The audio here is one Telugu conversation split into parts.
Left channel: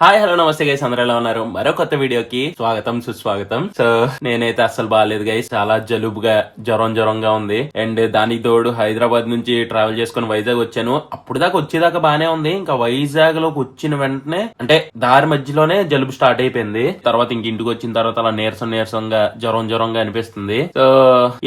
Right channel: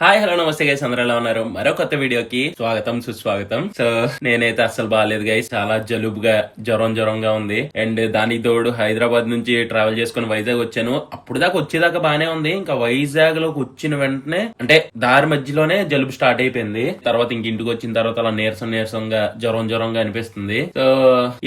హాయ్ హలో నమస్తే గైస్, అందరూ ఎలా ఉన్నారు? మరో కొత్త వీడియోకి స్వాగతం సుస్వాగతం. సో నేనైతే అస్సలు బాగాలేదు గైస్, చాలా జలుబుగా జ్వరంగా ఉంది. అండ్ దానికి తోడు హైదరాబాద్ నుంచి ట్రావెల్ చేసుకుని వైజాగ్ వచ్చాను. అప్పుడు దాకా వచ్చేదాకా బానే ఉంది. ఇంకా వైజాగ్ లోకి వచ్చిన వెంటనే అంటే దారి మధ్యలోనే జలుబు స్టార్ట్ అయిపోయింది. తర్వాత ఇంక ఇంటికి వచ్చిన తర్వాత అలా నీరసంగా జ్వరంగా అనిపిస్తుంది. సో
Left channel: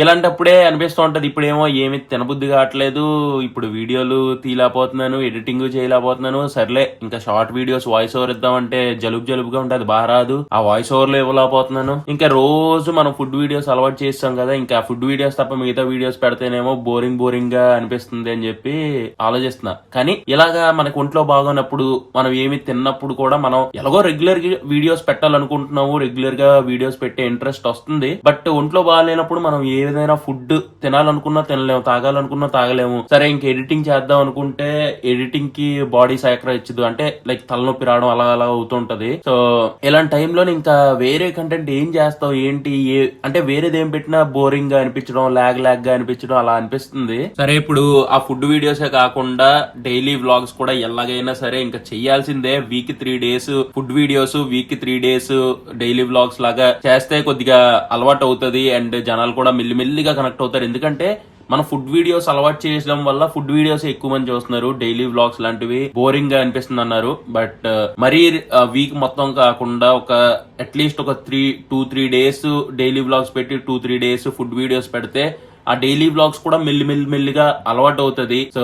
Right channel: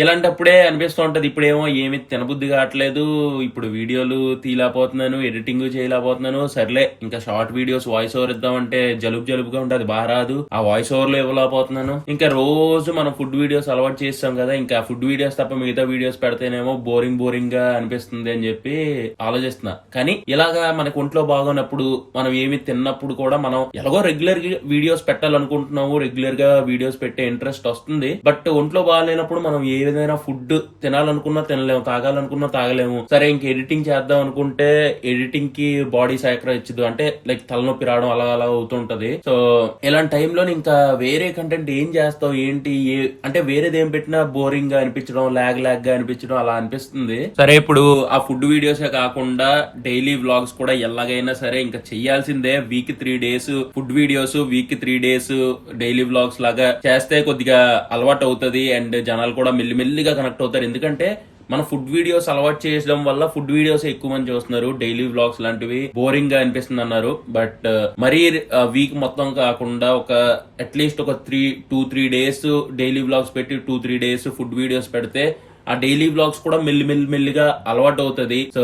ఇలాంటప్పుడే అనిపిస్తూ ఉంటది, ఇప్పుడేమో ఏమి తినబుద్ధి కావట్లేదు, ఇప్పుడు వీడియోలు తీయలేకపోతున్నాను, ఎడిటింగ్ చేయలేకపోతున్నాను. సర్లే ఇంకా షార్ట్ వీడియోస్ వాయిస్ ఓవర్ ఇద్దామంటే జలుబుగా ఉంటది, బాగా రాదు. ఆ వాయిస్ ఓవర్ లో ఇవ్వలేకపోతున్నాను. ఇంకా రోజు మనం ఫుడ్ వీడియోస్ అలవాటు చేస్తాం కదా, ఇంకా ఫుడ్ వీడియోస్ తప్ప మిగతా వీడియోస్ పెడితేనేమో బోరింగ్ గా అనిపిస్తుంది అని చెప్పి ఆలోచిస్తున్నా. కానీ ఇలాగా మనకు ఒంట్లో బాగున్నప్పుడు, మనం ఏమి తిన్నప్పుడు కూడా మనం ఎలాగో రెగ్యులర్ వీడియోస్ పెట్టాలనుకుంటున్నాము, రెగ్యులర్ గా వీడియోస్ పెట్టే ఇంట్రెస్ట్ వస్తుంది. బట్ ఒంట్లో బాగాలేనప్పుడు మనం ఏదైనా ఫుడ్ తినాలనుకున్నా తినలేము, తాగాలనుకున్నా తాగలేము. సరే ఇంక ఎడిటింగ్ చేద్దాం అనుకుంటే ఎడిటింగ్ కి బాడీ సహకరించదు, అంటే లైక్ తలనొప్పి రావడం అలా అవుతుంటది. సో ఇలాంటి టైంలో ఇంకా వేరే కంటెంట్ ఏం చేస్తాం ఏంటి అంటే వేరేది ఏం పెట్టినా బోరింగ్ గా అనిపించడం, లాగ్ గా అనిపించడం అలా అనిపిస్తుంది. సరే ఇప్పుడు ఆ ఫుడ్ వీడియోసే కాకుండా డైలీ వ్లాగ్స్ కూడా ఎలాగైనా సరే ఇంకా చెయ్యాల్సిందే. Week 3 days food videos, week 3 days daily vlogs లాగా చేస్తే కొద్దిగా అలవాటు అవుతుంది. అండ్ జనాలు కూడా మెల్లిమెల్లిగా కనెక్ట్ అవుతారు. ఎందుకంటే మన ఫుడ్ వీడియోస్ అలవాటు చేయడం వల్ల ఫుడ్ వీడియోస్ ఎక్కువ మంది చూస్తున్నారు. డైలీ వ్లాగ్స్ లాంటివి బోరింగ్ గా అనిపిస్తుంది అన్నారు. బట్ మరీ వీక్ మొత్తం కాకుండా ఒక అట్లీస్ట్ ఒక 2-3 days డైలీ వ్లాగ్స్ పెట్టి 2-3 days ఫుడ్ వీడియోస్ పెడితే ఆ డైలీ వ్లాగ్స్ కూడా మెల్లిగా అలవాటు అవుతుంది. సో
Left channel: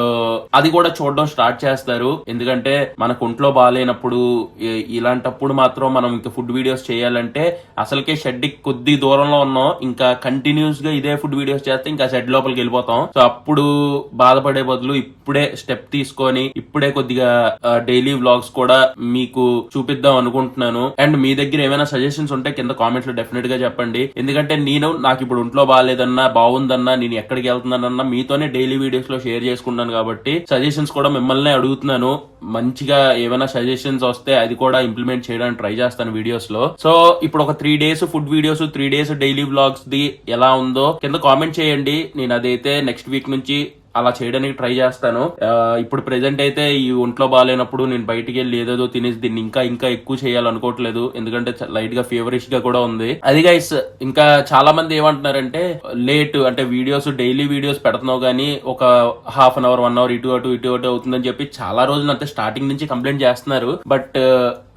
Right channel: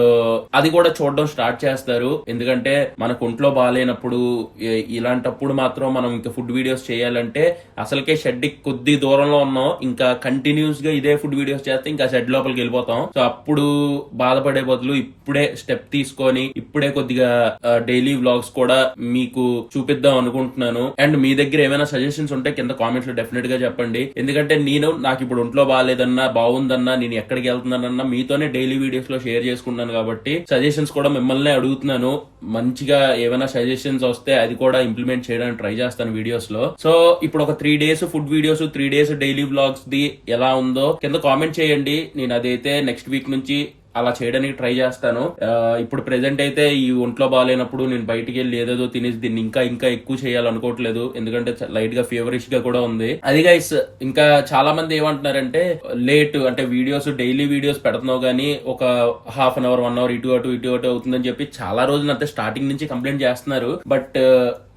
అది కూడా చూడడం స్టార్ట్ చేస్తారు. ఎందుకంటే మనకు ఒంట్లో బాగాలేనప్పుడు ఇలాంటప్పుడు మాత్రం మనం ఇంకా ఫుడ్ వీడియోస్ చేయాలంటే అసలుకే షెడ్ కొద్ది దూరంలో ఉన్నాం, ఇంకా కంటిన్యూస్ గా ఇదే ఫుడ్ వీడియోస్ చేస్తే ఇంకా షెడ్ లోపలికి వెళ్ళిపోతాం. సో అప్పుడు బాధపడే బదులు ఇప్పుడే స్టెప్ తీసుకొని ఇప్పుడే కొద్దిగా డైలీ వ్లాగ్స్ కూడా మీకు చూపిద్దాం అనుకుంటున్నాను. అండ్ మీ దగ్గర ఏమైనా సజెషన్స్ ఉంటే కింద కామెంట్స్ లో డెఫినెట్ గా చెప్పండి. ఎందుకంటే నాకు ఇప్పుడు ఒంట్లో బాగాలేదన్నా, బాగుందన్నా, నేను ఎక్కడికి వెళ్తున్నానన్నా మీతోనే డైలీ వీడియోస్ లో షేర్ చేసుకున్నాను కాబట్టి సజెషన్స్ కూడా మిమ్మల్ని అడుగుతున్నాను. మంచిగా ఏమైనా సజెషన్స్ వస్తే అది కూడా ఇంప్లిమెంట్ చేయడానికి ట్రై చేస్తాను వీడియోస్ లో. సో ఇప్పుడు ఒక 3 days food videos, 3 days daily vlogs the ఎలా ఉందో కింద కామెంట్ చేయండి. నేను అదైతే నెక్స్ట్ వీక్ నుంచి అలా చేయడానికి ట్రై చేస్తాను. ఇప్పుడు ప్రెసెంట్ అయితే ఈ ఒంట్లో బాగాలేనప్పుడు నేను బయటికి వెళ్ళి ఏదేదో తినేసి దీన్ని ఇంకా ఎక్కువ చేయాలనుకోవట్లేదు. ఎందుకంటే లైట్ గా ఫీవరిష్ గా కూడా ఉంది. అది గైస్, ఇంకా చాలా మంది ఏమంటున్నారంటే లేట్ అంటే వీడియోస్ డైలీ వీడియోస్ పెడుతున్నావు గానీ ఒక హాఫ్ అన్ అవర్ 1 hour ఇటు అటు అవుతుందని చెప్పి చాలా రోజులు అంతే స్టార్టింగ్ నుంచి కంప్లైంట్ చేస్తున్నారు. బట్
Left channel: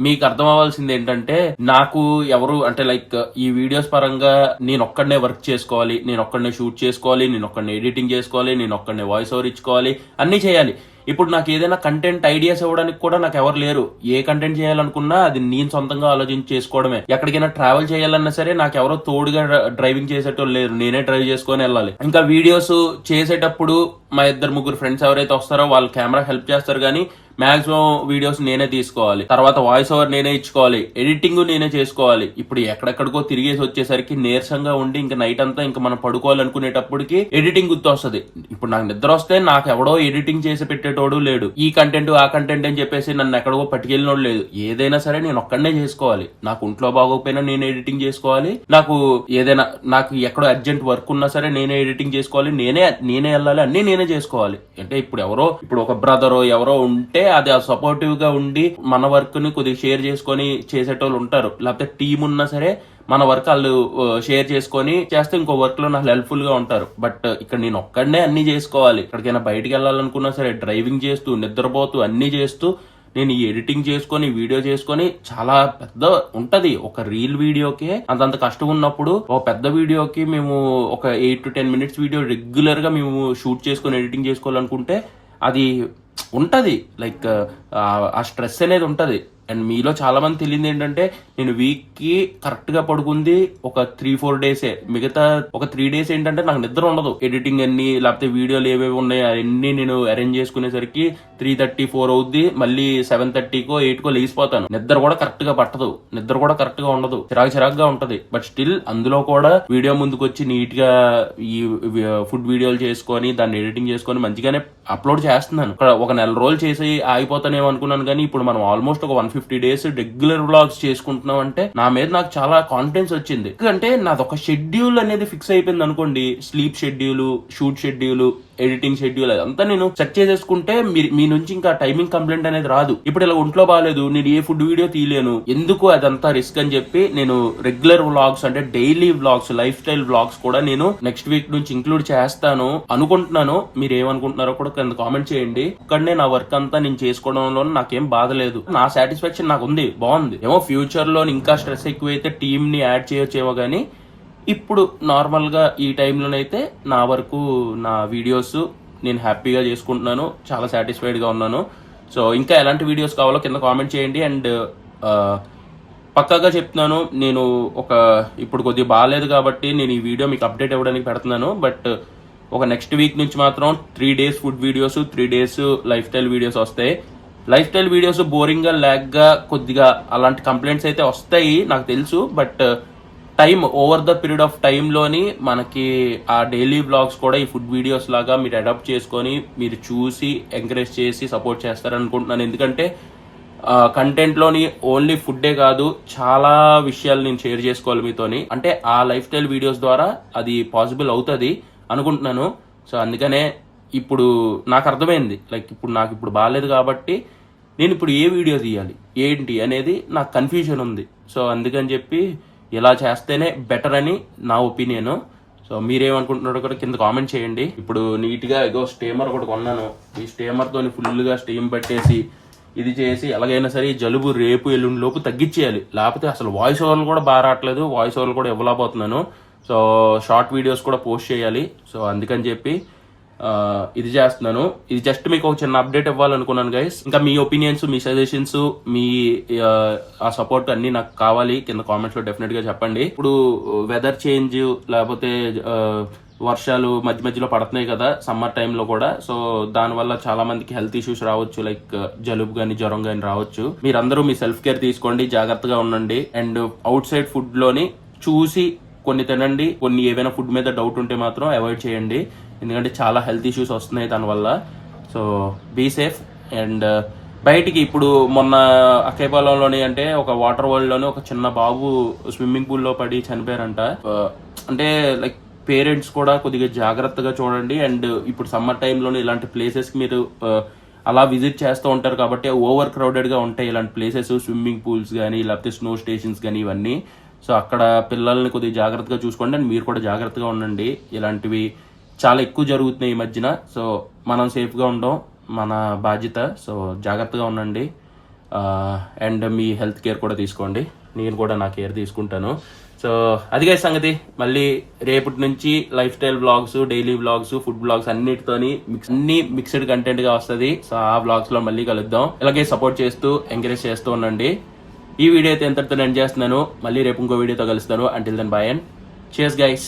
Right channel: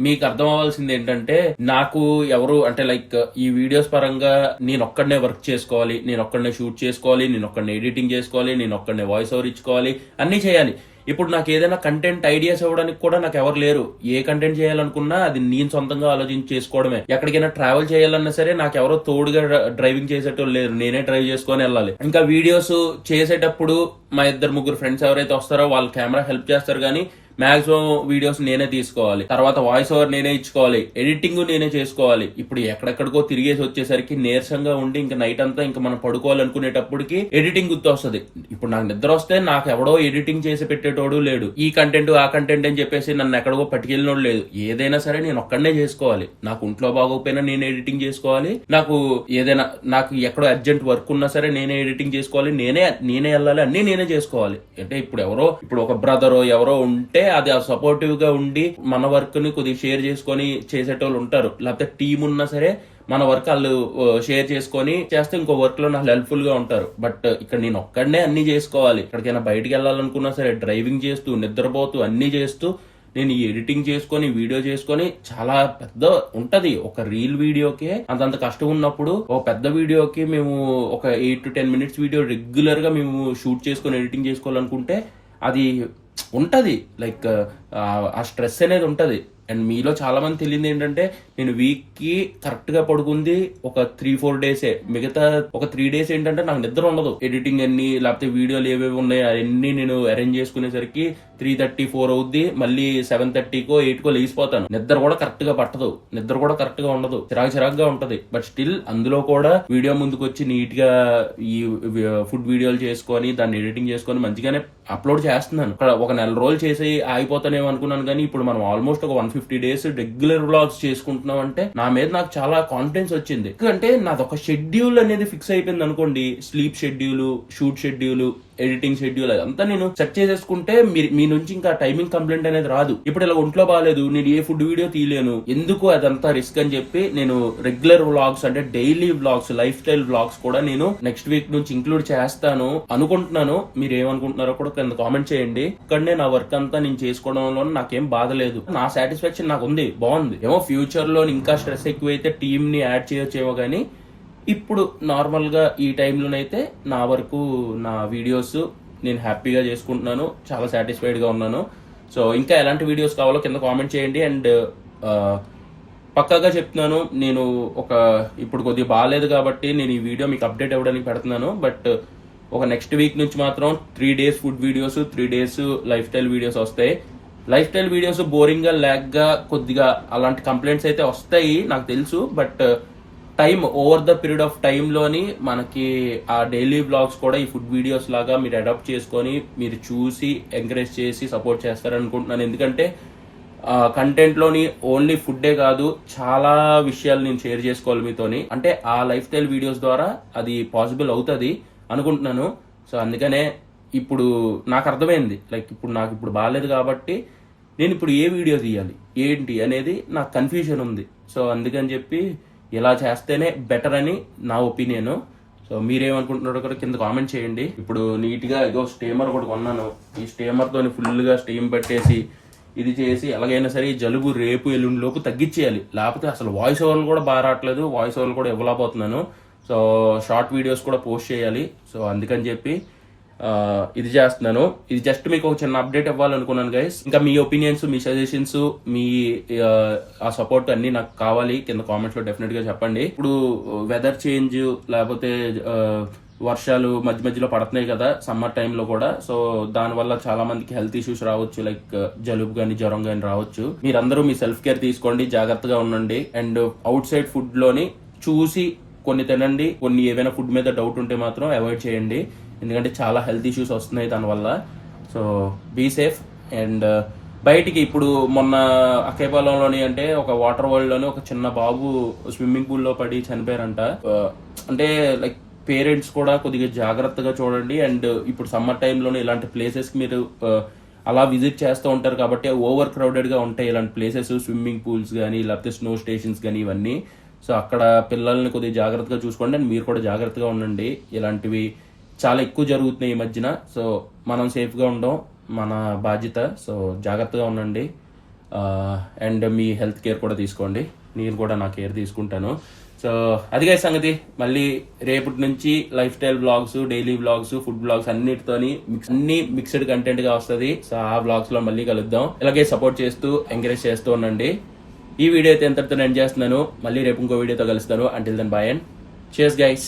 మీకు అర్థం అవ్వాల్సింది ఏంటంటే నాకు ఎవరు అంటే లైక్ ఈ వీడియోస్ పరంగా నేను ఒక్కడనే వర్క్ చేసుకోవాలి, నేను ఒక్కడనే షూట్ చేసుకోవాలి, నేను ఒక్కడనే ఎడిటింగ్ చేసుకోవాలి, నేను ఒక్కడనే వాయిస్ ఓవర్ ఇచ్చుకోవాలి, అన్ని చేయాలి. ఇప్పుడు నాకు ఏదైనా కంటెంట్ ఐడియాస్ ఇవ్వడానికి కూడా నాకు ఎవరు లేరు. ఏ కంటెంట్ చేయాలనుకున్నా అది నేను సొంతంగా ఆలోచించి చేసుకోవడమే. ఎక్కడికైనా ట్రావెల్ చేయాలన్నా సరే నాకు ఎవరో తోడుగా డ్రైవింగ్ చేసేటోళ్ళు లేరు, నేనే డ్రైవ్ చేసుకొని వెళ్ళాలి. ఇంకా వీడియోస్ చేసేటప్పుడు మా 2-3 ఫ్రెండ్స్ ఎవరైతే వస్తారో వాళ్ళు కెమెరా హెల్ప్ చేస్తారు, కానీ మాక్సిమం వీడియోస్ నేనే తీసుకోవాలి. తర్వాత వాయిస్ ఓవర్ నేనే ఇచ్చుకోవాలి, ఎడిటింగ్ నేనే చేసుకోవాలి. ఇప్పుడు ఎక్కడెక్కడికో తిరిగేసి వచ్చేసరికి నీరసంగా ఉండి ఇంకా నైట్ అంతా ఇంకా మనం పడుకోవాలనుకునేటప్పటికి ఎడిటింగ్ గుర్తు వస్తుంది. ఇప్పుడు నాకు నిద్ర వస్తే నాకు ఎవడో ఎడిటింగ్ చేసి పెట్టేటోడు లేడు, ఈ కంటెంట్ ఆ కంటెంట్ అని చెప్పేసి నన్ను ఎక్కడికో పట్టుకెళ్ళినోడు లేదు. ఏదైనా సరే నేను ఒక్కడనే చేసుకోవాలి. నాకు ఒంట్లో బాగోకపోయినా నేను ఎడిటింగ్ చేసుకోవాలి, నాకు ఎక్కడో అర్జెంట్ వర్క్ ఉన్నా సరే నేనే ఎడిటింగ్ చేసుకోవాలి, నేనే వెళ్ళాలి, అన్ని నేనే చేసుకోవాలి. అంటే ఇప్పుడు ఒక బ్రదరో ఎవరో ఉంటే అది సపోర్టివ్ గా ఉండి మన వర్క్ ని కొద్దిగా షేర్ చేసుకొని చేసేటోళ్ళు ఉంటారు. లేకపోతే టీం ఉన్నా సరే మన వర్క్ వాళ్ళు షేర్ చేసుకొని చేస్తే ఇంకో వర్క్ లో నాకు హెల్ప్ఫుల్ గా ఉంటారు. బట్ ఇక్కడ నేను ఒక్కడనే అన్ని చేసుకోవాలి. ఎక్కడికైనా బయటికి వెళ్ళాలనుకున్నా సరే డ్రైవింగ్ చేస్తూ, నిద్రపోతూ, అన్ని చేస్తూ నేను ఈ ఎడిటింగ్ చేసుకొని వీడియో చేసుకొని చాలా పెద్ద ఉంటది. ఒక రీల్ వీడియోకే అంతంత కష్టం ఉన్నప్పుడు ఒక పెద్ద వీడియోకి మేము ఒక 8 to 10 minutes వీడియో రెగ్యులర్ గా మేము షూట్ చేసుకొని ఎడిటింగ్ చేసుకోవాలనుకుంటే అది ఉంటది. లైక్ ఆ స్ట్రెస్ అనేది ఉంటది. అండ్ మీలో చాలా మంది తెలియదు ఏంటంటే నేను వీక్ కి కరెక్ట్ గా పడుకుంది ఒక 3-4 days. మిగతా ఒక 3 days ఏంటంటే నాకు నిద్ర ఉండదు. ఎడిటింగ్ అన్ని లేకపోతే వీడియోలు ఏవేవి ఉన్నాయి అవన్నీ నేను అరేంజ్ చేసుకునేసరికి 3:30-4 అవుద్ది. మళ్ళీ 7:30కో 8కో లేచిపోతాను. నిద్ర కూడా కరెక్ట్ గా పట్టదు, నిద్ర కూడా కరెక్ట్ గా ఉండదు, చిరాకుగా ఉంటది. బట్ స్టిల్ అందులో కూడా వీడియో ముందుకు వచ్చి నీట్ గా ఈ ఫుడ్ వీడియోలు చేసుకొని దాన్ని ఎడిటింగ్ చేసుకొని మంచిగానే అప్లోడ్ చేస్తున్నాను. ఒక నెల రోజులు చేసి ఆగిపోతానేమో అనుకున్నాను, కానీ ఇప్పుడు మనం ఆల్మోస్ట్ ఒక 150 days రెగ్యులర్ వ్లాగ్స్ చేసుకుంటున్నాం అంటే నా మీద నాకు చాలా కాన్ఫిడెన్స్ వచ్చింది. ఎందుకంటే నాది ఒక షెడ్యూల్ అనేది ఫిక్స్ అయిపోయింది అనుకోండి. Sleep schedule, shoot schedule, editing schedule అదంతా నేను సెట్ చేసేసుకుంటే మీ నుంచి ఇంకా టైమింగ్ కంప్లైంట్ అనేది రాదు. ఇప్పుడు ఇలా ఒంట్లో బాగాలేదు, నేను ఏ ఫుడ్ వీడియో తీయలేను, ఎందుకు అదంతా రిస్క్ అని చెప్పి నేను రెగ్యులర్ వ్లాగ్స్ అంటే daily vlogs, life style vlogs కూడా నేను నెక్స్ట్ వీక్ నుంచి ఇంక్లూడ్ చేస్తాను అనుకుంటున్నాను. మీరు ఏమనుకుంటున్నారో కూడా కింద కామెంట్ చేయండి. ఇక్కడనే నా వర్క్ అంతా నేను చేసుకోవడంలో నాకేం బాధ లేదు, నా సాటిస్ఫాక్షన్ నాకు ఉంది, బాగుంది. ఏమో ఫ్యూచర్ లో ఇంకా స్ట్రెస్ ఎక్కువైతే టీమ్ ని యాడ్ చేయొచ్చేమో కానీ ఇప్పుడు నార్మల్ గా ఈ టైంలోనైతే నా వరకు నా వీడియోస్ నేను హ్యాపీగా చేసుకుంటున్నాను, చాలా సాటిస్ఫైడ్ గా ఉన్నాను. సో ఇంకా ఎలాంటి వీడియోస్ కావాలో కింద కామెంట్ చేయండి. అండ్ పక్కాగా చెప్తున్నాను, నేను ఇప్పుడు కొద్దిగా బాగాలేదు కాబట్టి నేను ఈ వీడియో మీకు అప్డేట్ అవ్వడానికి పెడుతున్నాను. బట్ ఒక నెక్స్ట్ వీక్ నుంచి మాత్రం 3 days food videos, 3 days lifestyle videos వస్తాయి. లైఫ్ స్టైల్ వీడియోస్ బోరింగ్ గా, ల్యాగ్ గా, కొద్దిగా అలాంటి కంప్లైంట్స్ అయితే వస్తాయి నాకు తెలుసు. But time over the period of టైంలోని మనకి ఆ డైలీ బ్లాగ్స్ కూడా ఈ ఫుడ్ వీడియోస్ లాగా మీరు అడాప్ట్ చేసుకొని మీరు చూసి ఎంకరేజ్ చేసి సపోర్ట్ చేస్తారనుకుంటున్నాను. ఎందుకంటే కంటెంట్ లోని ఓన్లీ ఫుడ్డే కాదు, చాలా విషయాలు నేను షేర్ చేసుకోవాలి మీతోని. అంటే ఆ లైఫ్ స్టైల్ వీడియోస్ ద్వారా అది పాసిబుల్ అవుతుంది అనుకుంటున్నాను. సో అందుకనే ఇప్పుడు నాకు అర్థమైంది, లైక్ ఇప్పుడు నాకు ఇప్పుడు బాగాలేదు కాబట్టి నేను ఇప్పుడు ఏ వీడియో తీయాలి ఏంటి అనేది నాకు కన్ఫ్యూజన్ ఉంది. సో అందుకని చెప్పి ఇలా చేస్తేనే బెటర్ అని నా ఒపీనియన్. సో మీరేమనుకుంటున్నారో కూడా కింద కామెంట్ చేయండి. ఇప్పుడు నీట్ గా ఏదో స్టీమర్ కూడా కొన్నాను. ఈ స్టీమర్ తోని ఫుల్ గా స్టీమ్ పెట్టేసి ఇది చేసి ఎలాగైనా సరే జలుబు రేపు ఎల్లుండి లోపు తగ్గించేయాలి. లేకపోతే అసలు వాయిస్ ఓవర్లు కూడా బాగా రావట్లేదు, వాయిస్ ఓవర్లు కూడా ఇవ్వలేకపోతున్నాను. సో షార్ట్ వీడియోస్ కూడా పోస్ట్ చేయాలి. సో అందుకని చెప్పి ఇది చేస్తున్నాను. ఇది జస్ట్ మీకు ఒక చిన్న అప్డేట్ ఇవ్వాలనుకున్నాను గైస్. ఇంకా మీ ఒపీనియన్స్, మీ సజెషన్స్, మీ ఆ సపోర్ట్ అన్ని నాకు కావాలి. కింద కామెంట్స్ లో డెఫినెట్ గా చెప్పండి. ఇప్పుడు వెదర్ చేంజ్ లేకపోతే వర్షాలు మధ్య మధ్యలో పడుతున్నాయి కదా సమ్మర్ టైంలో కూడా. సో దానివల్ల చాలా మందికి హెల్త్ ఇష్యూస్ రావచ్చు, లైక్ జలుబు గానీ జ్వరం గానీ రావచ్చు. మీరందరూ మీ సెల్ఫ్ కేర్ తీసుకోండి, జాగ్రత్తగా ఉండండి. అండ్ అవుట్ సైడ్ ఫుడ్ లోని చూసి కొన్ని తినండి. కొన్ని ఏదైనా ఫుడ్ మీద డౌట్ ఉంటే మాత్రం అవాయిడ్ చేయండి, ఎందుకంటే చాలా హెల్త్ ఇష్యూస్ వస్తున్నాయి దానివల్ల. So be safe. అండ్ బయటికి ఇప్పుడు మొన్న అక్కేపాలెంలోని అంటే ఒక వాటర్ వరల్డ్ లోని ఒక చిన్న బాబు స్విమ్మింగ్ పూల్ లో పడి చనిపోయారంట. అంటే లైక్ పేరెంట్స్ కూడా కొద్దిగా జాగ్రత్తగా చూడండి. అండ్ ఇప్పుడు సమ్మర్ టైంలోనే ఇలాంటి ప్లేసెస్ కి మీరు అలా విజిట్ చేస్తూ ఉంటారు కాబట్టి ఓవర్ క్రౌడెడ్ గా ఉంటాయి ఇలాంటి ప్లేసెస్, స్విమ్మింగ్ పూల్స్ కానీ లేకపోతే స్నో స్టేషన్స్ కానీ ఇవన్నీ. సో అక్కడ పిల్లల్ని కొద్దిగా జాగ్రత్తగా చూసుకోండి. అండ్ మీరు కూడా జాగ్రత్తగా ఉండండి. ఇలాంటివి చాలా ఎక్కువ జరుగుతున్నాయి ఈ మధ్యన. సో మనం సేఫ్గా ఉండడం మన బాధ్యత. సో జాగ్రత్తగా ఉండండి. అండ్ మీ హెల్త్ కేర్ కూడా తీసుకోండి. నేను కూడా నా కేర్ తీసుకుంటాను. సో అదిగా సంగతి. మళ్ళీ రేపటి నుంచి lifestyle blogs, daily blogs, food blogs అన్నిటితోని అన్ని మిక్స్డ్ కంటెంట్ గా వస్తుంది. సో ఆ బ్లాగ్స్ లో మళ్ళీ కలుద్దాం. ఇలాగే సపోర్ట్ చేస్తూ ఎంకరేజ్ చేస్తూ ఉండండి. ఈ వీడియో అయితే ఎంతటితో ఎండ్ చేస్తున్నాను. మళ్ళీ రేపు ఇంకో వీడియోతో కలుస్తాను. Until then bye and cheers guys.